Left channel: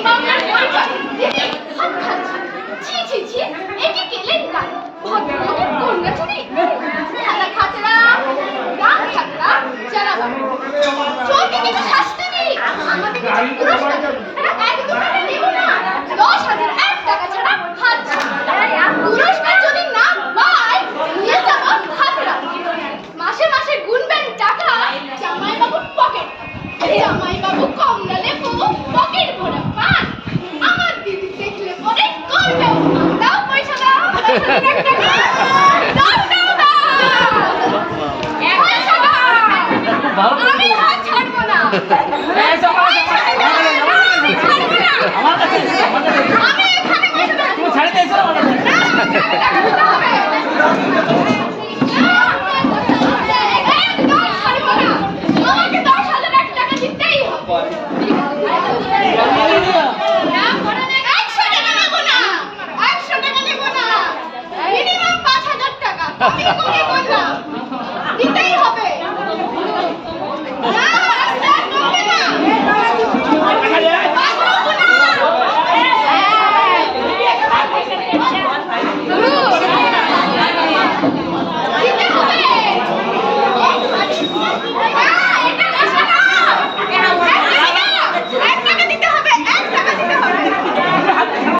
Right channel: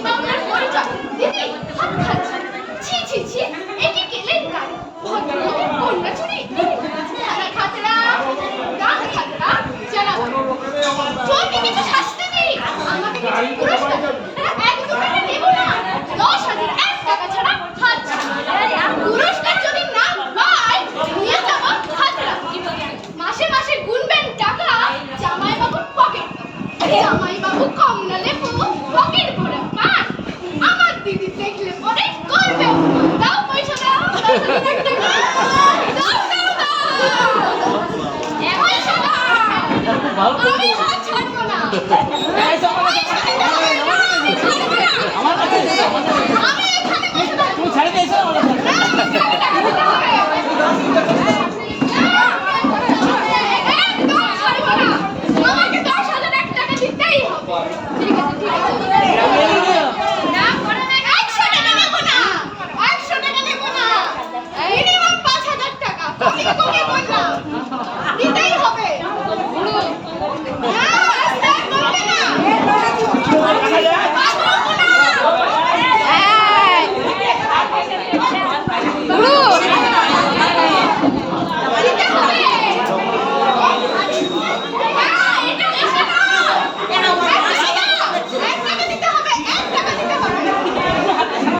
দিবা আপনার পরিচয় দিদি হাত খাচ্ছি ছি ছি ছি এটি কেলেঙ্কার ভদ্রলোকের কন্যা চুরি থানা খাতরা গ্রাম খাতরা জানাবো চোরকে কিছু শাস্তি দিই আমাকে পুরস্কার একদম নেব না 10,000 টাকা ছাড়া হাত পুরস্কার যদি না পাই নিয়ে যাব খাতরা মাসে মাসে গুনবেন টাকা জামাই বাবুর পকেট জামাই বাবু কমলা লেবু পকেট ভরা পান আমার দিদি দেখলে পরে করবে দাও পয়সা দাও 10,000 টাকা দাও দাও দাও পয়সা দাও আমি হাত ছাড়বো না আমি এখানে পয়সা দাও তুমি ছাড়ে দিয়েছো একদম ছাড়বো না আমাকে 10,000 টাকা দিতেই হবে না পড়ে না 100 টাকা নেব না 100 টাকা নেব না মিনিমাম 5,000 টাকা আমি কমে বললাম